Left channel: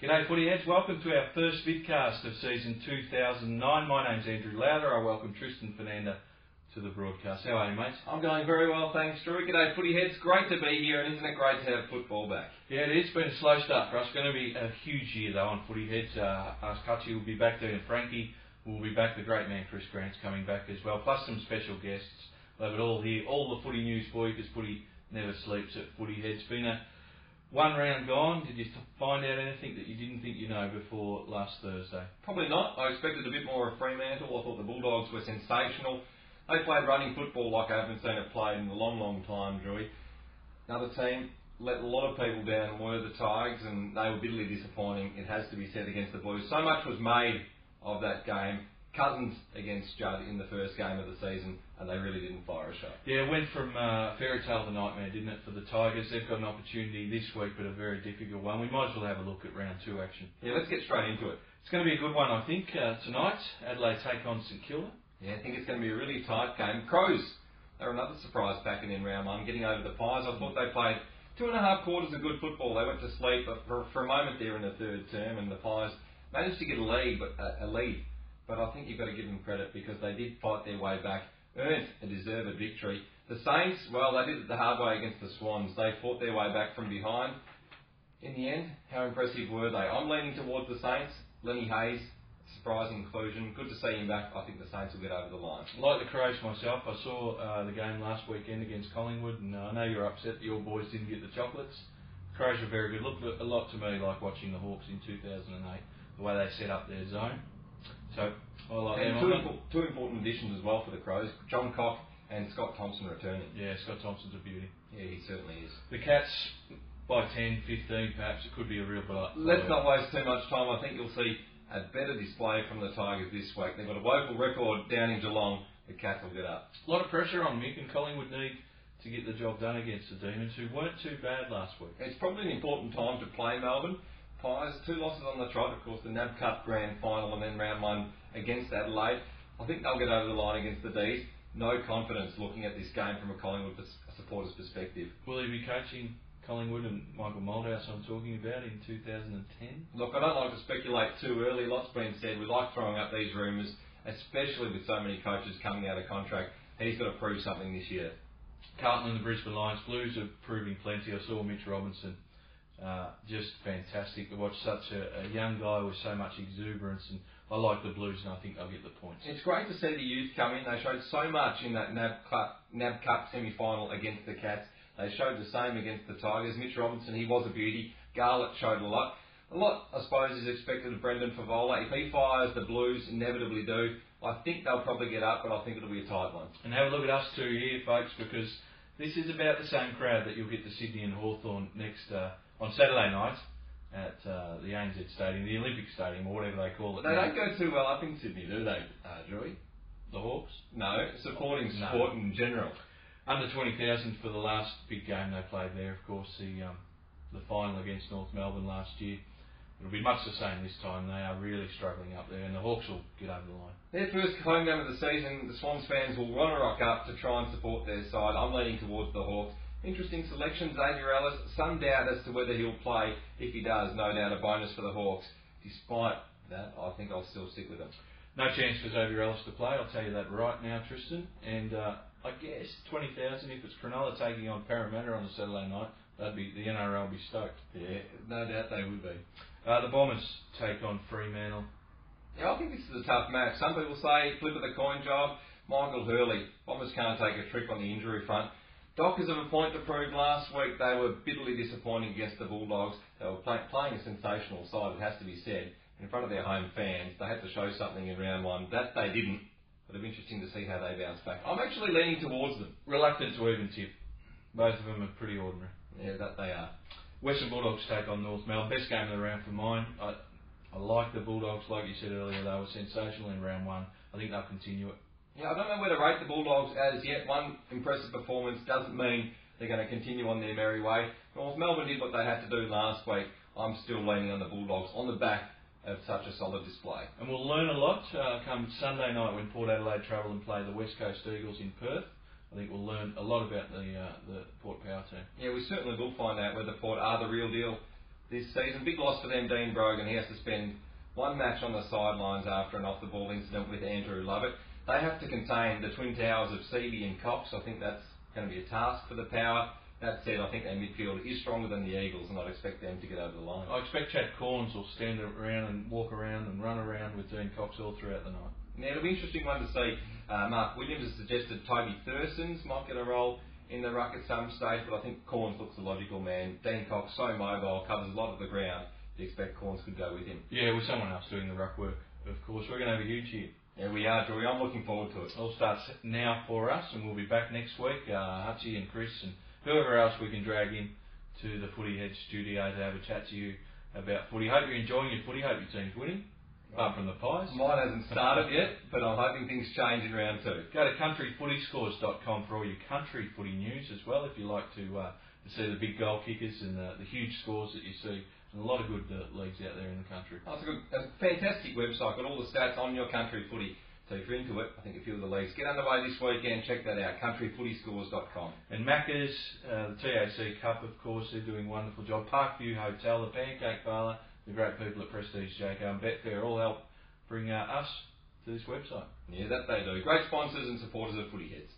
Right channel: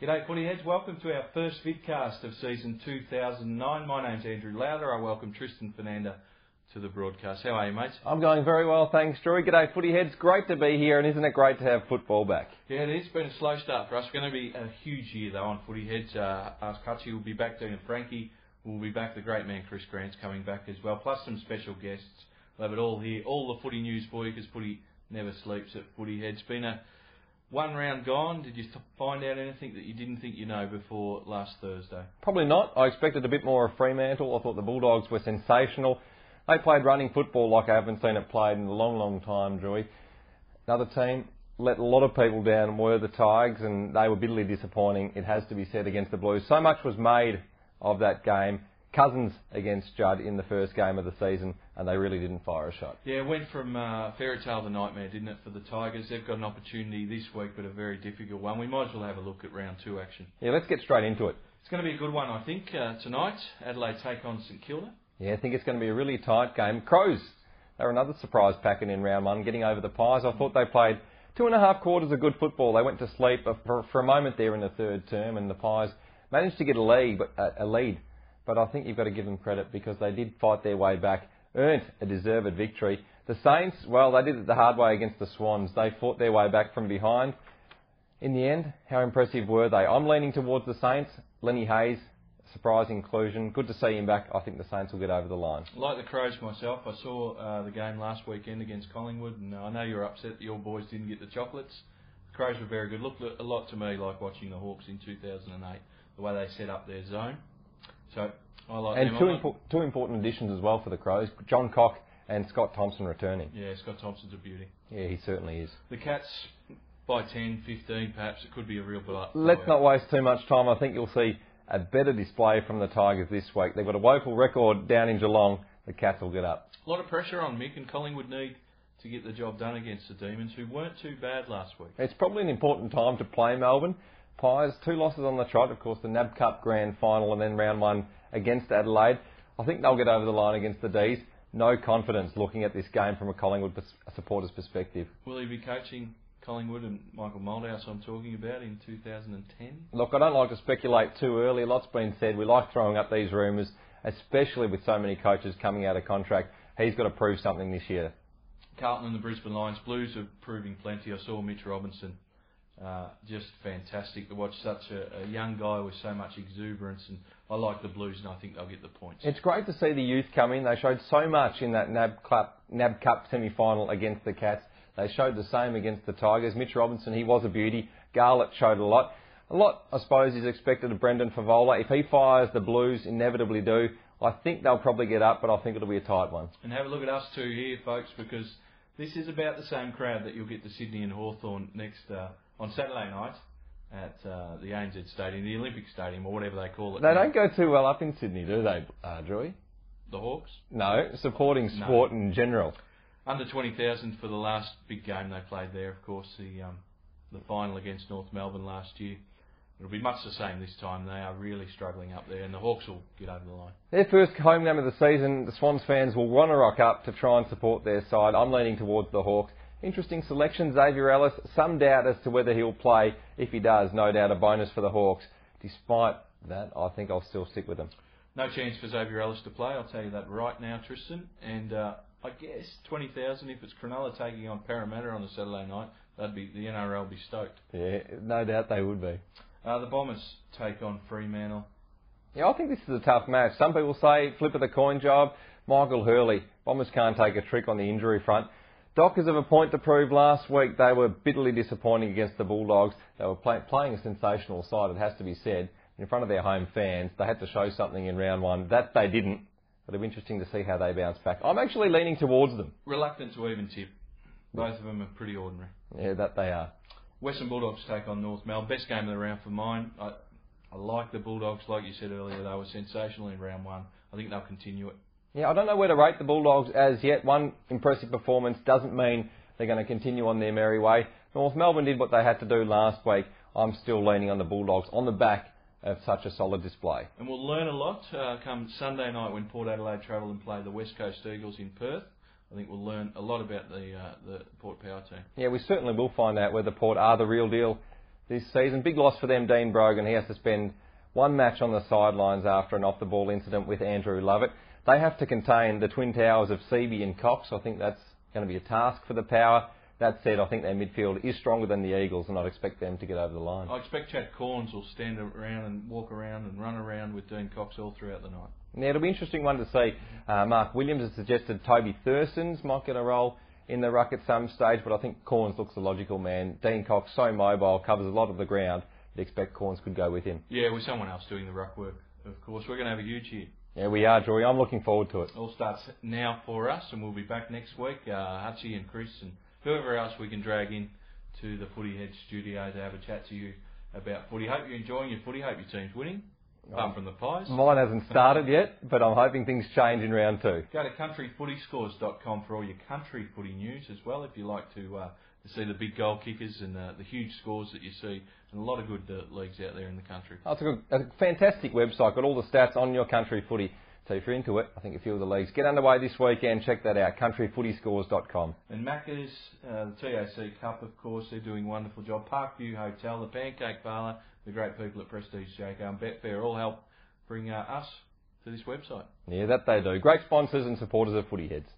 G'day footy heads, welcome to our first vidcast of season 2009. My name's Andrew Lowther. I welcome Tristan Fernanda to the broadcast. How are you, mate? I'm going very well, thanks, Drew. G'day footy heads, great to be here, and isn't it great to have football back? Yeah, it is. Been a slow start for us. It's going to be a huge year though on footy heads. Us Hutchy will be back, Dean and Frankie will be back, the great man Chris Grant's coming back as well, plus some special guests. We'll have it all here, all the footy news for you, because footy never sleeps at footy heads. Been a one round gone. Did you find out anything that you didn't think you know before last Thursday? Probably not. I expected a bit more of Fremantle. I thought the Bulldogs were sensational. They played running football like I haven't seen it played in a long, long time, Drewy. Another team let a lot of people down were the Tigers, and they were bitterly disappointing, it has to be said, against the Blues. So much was made of that game. Cousins against Judd in the first game of the season, and they really didn't fire a shot. Yeah, it went from fairy tale to nightmare, didn't it, for the Tigers? They've got an opportunity this week, but a very difficult one. We might as well have a look at round 2 action. Yeah, let's get straight into it. It's going to be a good one, I think. Tonight, Adelaide take on St Kilda. Yeah, I think it's going to be a really tight game. Crows, they were another surprise packet in round 1, getting over the Pies. I thought they played 2.5 quarters of good football. They went to sleep for a moment there in the third term, and the Pies managed to get a lead. But I think you've got to give them credit because they did fight their way back, earned a deserved victory. The Saints, well, they did it the hard way against the Swans. They fought their way back from behind. In the end, how impressive were they? I'm leaning towards the Saints. Lenny Hayes, surprise inclusion. Good to see him back. I think the Saints will get over the line. Like the Crows myself, I saw the game last weekend against Collingwood, and I know you're upset that your boys didn't get the chocolates. The Crows were very good. Looked a lot to me like watching the Hawks in 2008, the way they set up their zone. So I like and two important additions as well for the Crows, John Cock and Scott Thompson returning. Yeah, Scott Thompson's a beauty. Yeah, he certainly is. The Cats, by 10, 15 perhaps, it could be a real blowout. Let's not waste too much time. I think you'll see a better display from the Tigers this week. They've got a woeful record down in Geelong. The Cats will get up. A lot of pressure on Mick, and Collingwood need to get the job done against the Demons, who weren't too bad last week. It's probably an important time to play Melbourne. Pies, 2 losses on the trot, of course, the NAB Cup Grand Final and then round 1 against Adelaide. I think they'll get over the line against the D's. No confidence looking at this game from a Collingwood supporter's perspective. Will he be coaching Collingwood and Michael Moldhouse I'm talking about in 2010? Look, I don't like to speculate too early. Lots been said. We like throwing up these rumours, especially with so many coaches coming out of contract. He's got to prove something this year. Carlton and the Brisbane Lions Blues are proving plenty. I saw Mitch Robinson. Just fantastic to watch such a young guy with so much exuberance, and I like the Blues, and I think they'll get the points. It's great to see the youth come in. They showed so much in that NAB Cup semi-final against the Cats. They showed the same against the Tigers. Mitch Robinson, he was a beauty. Garlett showed a lot. A lot, I suppose, is expected of Brendan Favola. If he fires, the Blues inevitably do. I think they'll probably get up, but I think it'll be a tight one. And have a look at us two here, folks, because this is about the same crowd that you'll get to Sydney and Hawthorn next on Saturday night at the ANZ Stadium, the Olympic Stadium, or whatever they call it. They don't go too well up in Sydney, do they, Drewy? The Hawks? No, supporting sport in general. Under 20,000 for the last big game they played there, of course, the final against North Melbourne last year. It'll be much the same this time. They are really struggling up there, and the Hawks will get over the line. Their first home game of the season, the Swans fans will want to rock up to try and support their side. I'm leaning towards the Hawks. Interesting selection, Xavier Ellis. Some doubt as to whether he'll play. If he does, no doubt a bonus for the Hawks. Despite that, I think I'll still stick with him. No chance for Xavier Ellis to play, I'll tell you that right now, Tristan. And I guess 20,000, if it's Cronulla taking on Parramatta on a Saturday night, the NRL will be stoked. Yeah, no doubt they would be. The Bombers take on Fremantle. Yeah, I think this is a tough match. Some people say flip of the coin job. Michael Hurley. Bombers can't take a trick on the injury front. Dockers have a point to prove. Last week they were bitterly disappointing against the Bulldogs. They were playing a sensational side, it has to be said, in front of their home fans. They had to show something in round 1. That they didn't, but it'll be interesting to see how they bounce back. I'm actually leaning towards them. Reluctant to even tip. Both of them are pretty ordinary. Yeah, that they are. Western Bulldogs take on North Melbourne. Best game of the round for mine. I like the Bulldogs, like you said earlier. They were sensational in round 1. I think they'll continue it. Yeah, I don't know where to rate the Bulldogs as yet. One impressive performance doesn't mean they're going to continue on their merry way. North Melbourne did what they had to do last week. I'm still leaning on the Bulldogs on the back of such a solid display. And we'll learn a lot come Sunday night when Port Adelaide travel and play the West Coast Eagles in Perth. I think we'll learn a lot about the Port Power team. Yeah, we certainly will find out whether Port are the real deal this season. Big loss for them, Dean Brogan. He has to spend one match on the sidelines after an off-the-ball incident with Andrew Lovett. They have to contain the twin towers of Seavey and Cox. I think that's going to be a task for the Power. That said, I think their midfield is stronger than the Eagles, and I'd expect them to get over the line. I expect Chad Corns will stand around and walk around and run around with Dean Cox all throughout the night. Now, it'll be an interesting one to see. Mark Williams has suggested Toby Thurston's might get a role in the ruck at some stage, but I think Corns looks a logical man. Dean Cox, so mobile, covers a lot of the ground. You'd expect Corns could go with him. Yeah, with someone else doing the ruck work, of course. We're going to have a huge year. Yeah, we are, Joey. I'm looking forward to it. All starts now for us, and we'll be back next week. Hutchy and Chris and whoever else we can drag in to the Footy Head studio to have a chat to you about footy. Hope you're enjoying your footy. Hope your team's winning, apart from the Pies. Mine hasn't started yet, but I'm hoping things change in round 2. Go to countryfootyscores.com for all your country footy news as well, if you like to see the big goal kickers and the huge scores that you see. And a lot of good leagues out there in the country. Oh, it's a fantastic website. Got all the stats on your country footy. So if you're into it, I think a few of the leagues get underway this weekend. Check that out, countryfootyscores.com. And Macca's, the TAC Cup, of course, they're doing a wonderful job. Parkview Hotel, the Pancake Parlour, the great people at Prestige JK and Betfair all help bring us to this website. Yeah, that they do. Great sponsors and supporters of Footy Heads.